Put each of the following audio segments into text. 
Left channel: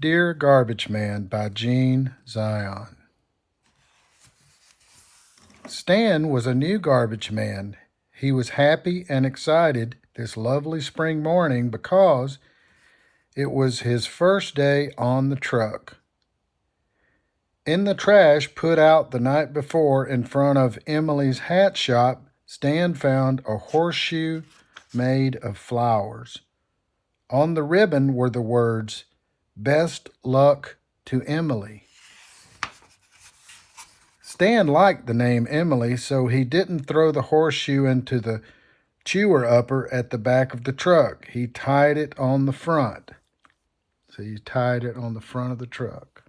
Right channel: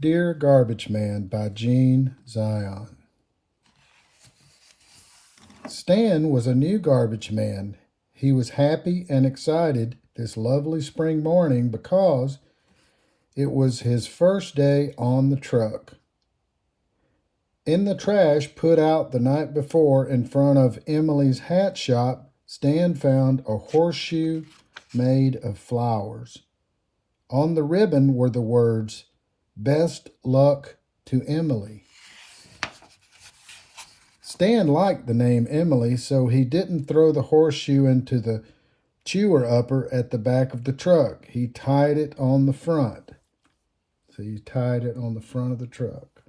Dear Garbage Man by Gene Zion. Stan was a new garbage man. He was happy and excited this lovely spring morning because it was his first day on the truck. In the trash put out the night before in front of Emily's hat shop, Stan found a horseshoe made of flowers. On the ribbon were the words, "Best luck to Emily." Stan liked the name Emily, so he didn't throw the horseshoe into the chewer upper at the back of the truck. He tied it on the front. So he tied it on the front of the truck.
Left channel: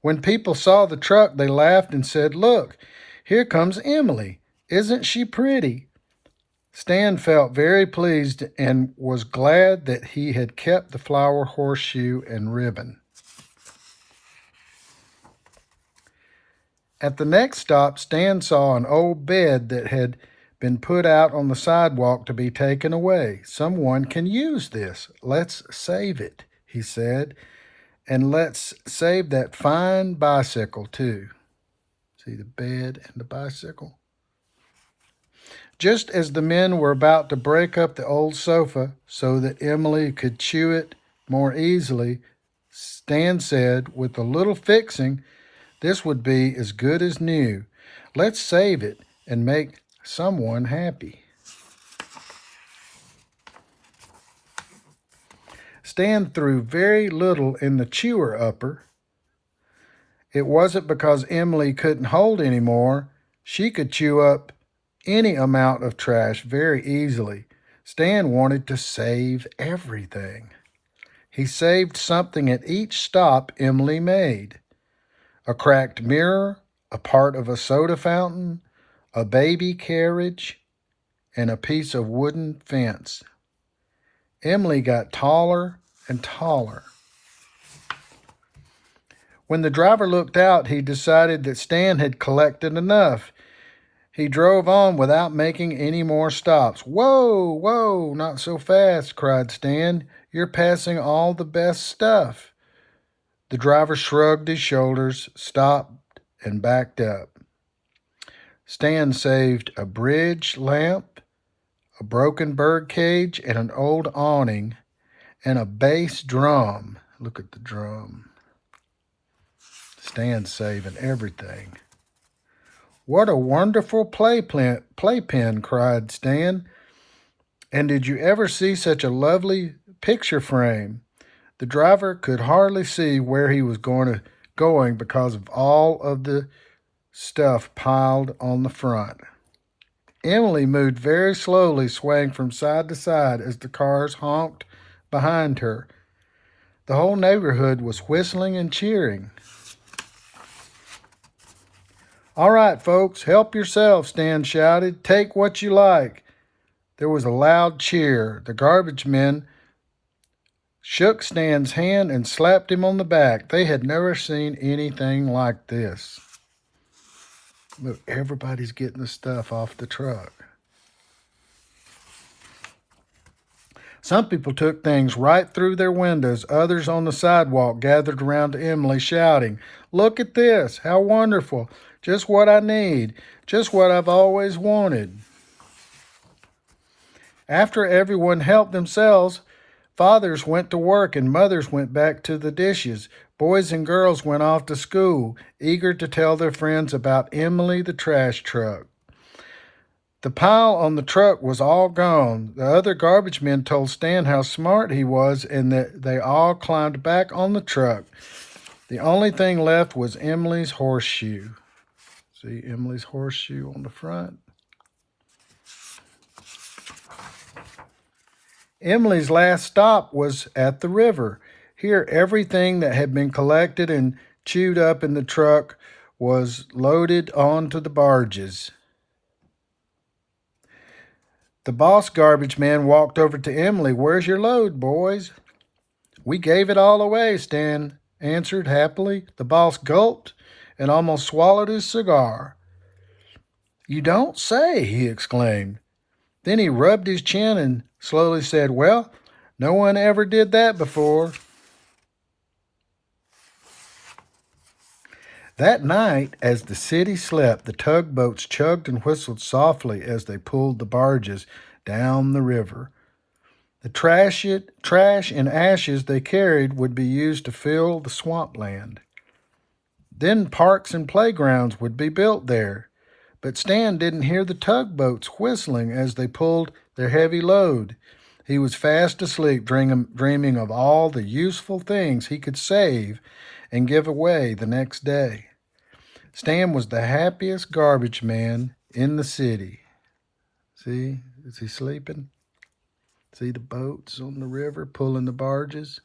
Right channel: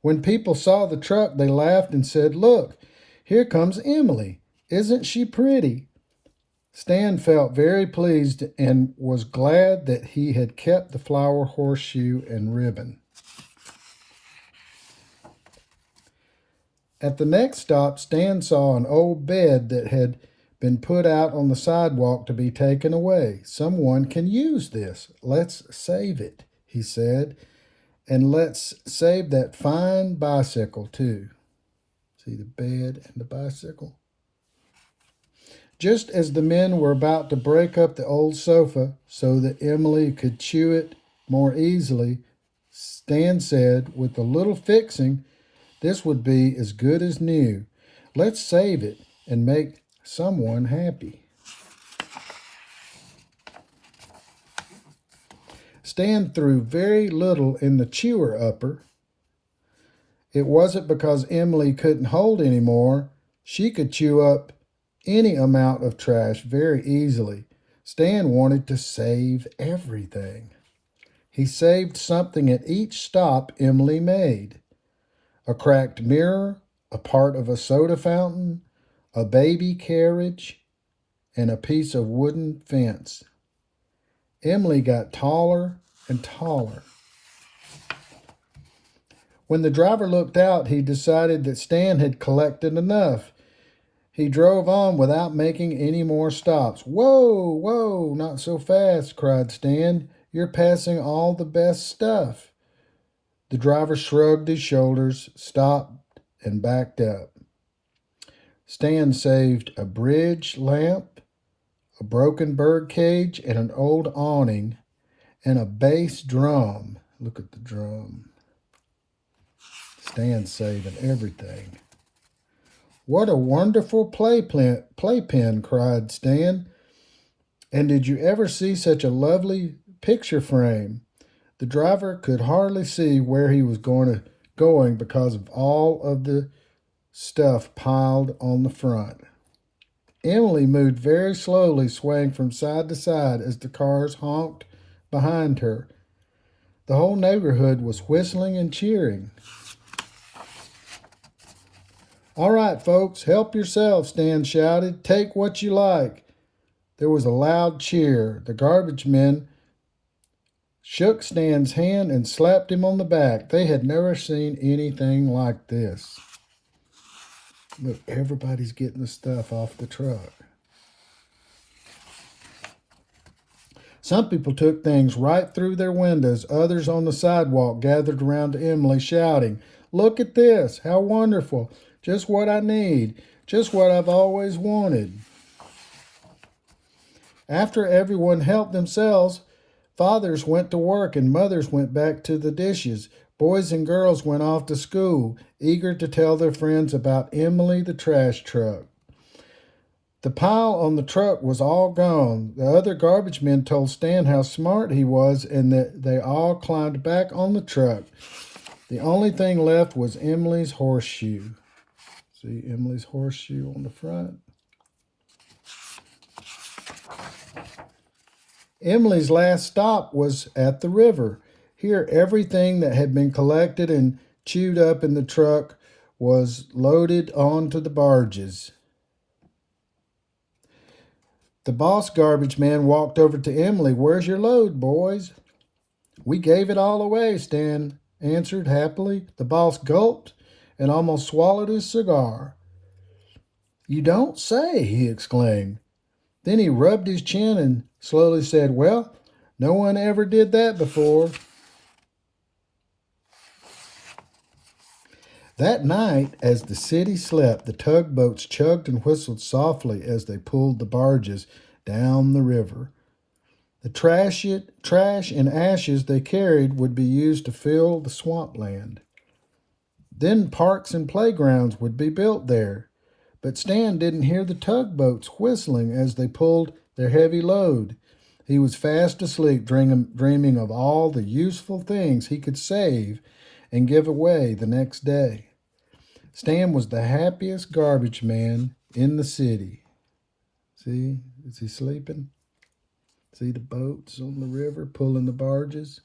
When people saw the truck, they laughed and said, "Look, here comes Emily. Isn't she pretty?" Stan felt very pleased and was glad that he had kept the flower horseshoe and ribbon. At the next stop, Stan saw an old bed that had been put out on the sidewalk to be taken away. "Someone can use this. Let's save it," he said. "And let's save that fine bicycle, too." See the bed and the bicycle? Just as the men were about to break up the old sofa so that Emily could chew it more easily, Stan said, "With a little fixing, this would be as good as new. Let's save it and make someone happy." Stan threw very little in the chewer upper. It wasn't because Emily couldn't hold any more. She could chew up any amount of trash very easily. Stan wanted to save everything. He saved something at each stop Emily made. A cracked mirror, a part of a soda fountain, a baby carriage, and a piece of wooden fence. Emily got taller and taller. When the driver looked out, he decided that Stan had collected enough. He drove on without making any more stops. "Whoa, whoa, not so fast," cried Stan. "You're passing all the best stuff." The driver shrugged his shoulders, stopped, and backed up. Stan saved a bridge lamp, a broken bird cage, and an old awning, and a bass drum. Look at the drum. Stan's saving everything. "What a wonderful playpen," cried Stan. "And did you ever see such a lovely picture frame?" The driver could hardly see where he was going because of all of the stuff piled on the front. Emily moved very slowly, swaying from side to side as the cars honked behind her. The whole neighborhood was whistling and cheering. "All right, folks, help yourselves," Stan shouted. "Take what you like." There was a loud cheer. The garbage men shook Stan's hand and slapped him on the back. They had never seen anything like this. Look, everybody's getting the stuff off the truck. Some people took things right through their windows. Others on the sidewalk gathered around Emily, shouting, "Look at this! How wonderful! Just what I need! Just what I've always wanted!" After everyone helped themselves, fathers went to work and mothers went back to the dishes. Boys and girls went off to school, eager to tell their friends about Emily the trash truck. The pile on the truck was all gone. The other garbage men told Stan how smart he was and that they all climbed back on the truck. The only thing left was Emily's horseshoe. See Emily's horseshoe on the front? Emily's last stop was at the river. Here, everything that had been collected and chewed up in the truck was loaded onto the barges. The boss garbage man walked over to Emily. "Where's your load, boys?" "We gave it all away," Stan answered happily. The boss gulped and almost swallowed his cigar. "You don't say," he exclaimed. Then he rubbed his chin and slowly said, "Well, No one ever did that before. That night, as the city slept, the tugboats chugged and whistled softly as they pulled the barges down the river. The trash and ashes they carried would be used to fill the swampland. Then parks and playgrounds would be built there. But Stan didn't hear the tugboats whistling as they pulled their heavy load. He was fast asleep, dreaming of all the useful things he could save and give away the next day. Stan was the happiest garbage man in the city. See, is he sleeping? See the boats on the river pulling the barges,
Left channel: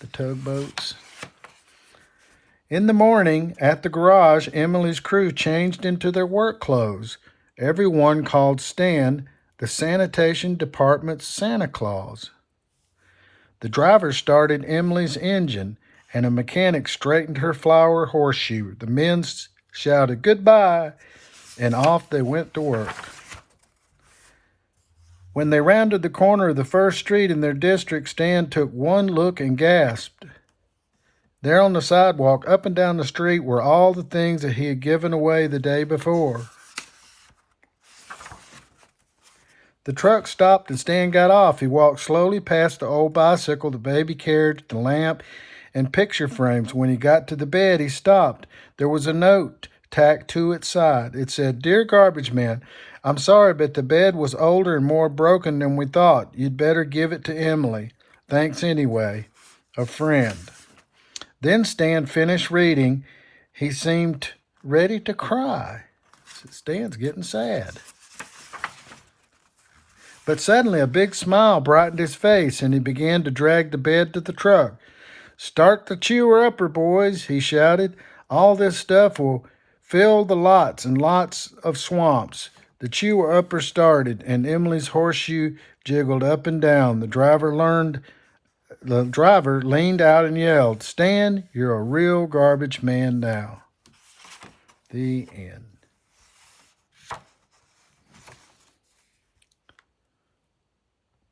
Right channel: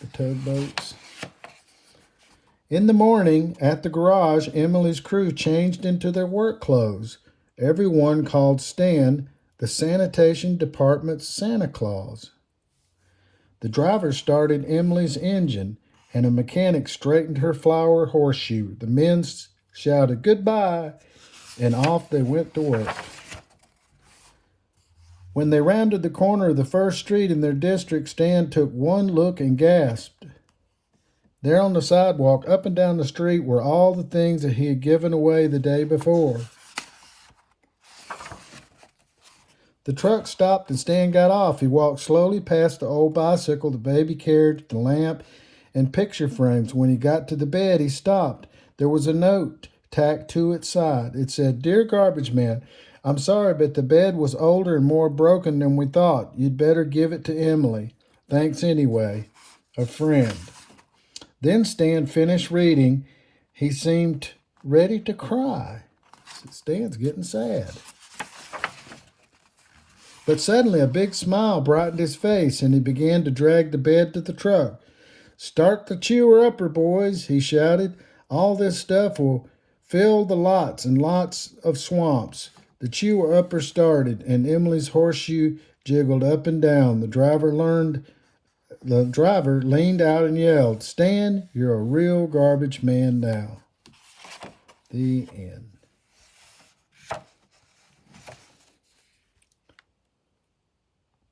the tugboats. In the morning, at the garage, Emily's crew changed into their work clothes. Everyone called Stan the sanitation department's Santa Claus. The driver started Emily's engine, and a mechanic straightened her flower horseshoe. The men shouted goodbye, and off they went to work. When they rounded the corner of the first street in their district, Stan took one look and gasped. There on the sidewalk, up and down the street, were all the things that he had given away the day before. The truck stopped and Stan got off. He walked slowly past the old bicycle, the baby carriage, the lamp, and picture frames. When he got to the bed, he stopped. There was a note tacked to its side. It said, "Dear Garbage Man, I'm sorry, but the bed was older and more broken than we thought. You'd better give it to Emily. Thanks anyway. A friend." Then Stan finished reading. He seemed ready to cry. Stan's getting sad. But suddenly a big smile brightened his face, and he began to drag the bed to the truck. "Start the chewer upper, boys," he shouted. "All this stuff will fill the lots and lots of swamps." The chewer upper started, and Emily's horseshoe jiggled up and down. The driver leaned out and yelled, "Stan, you're a real garbage man now." The end.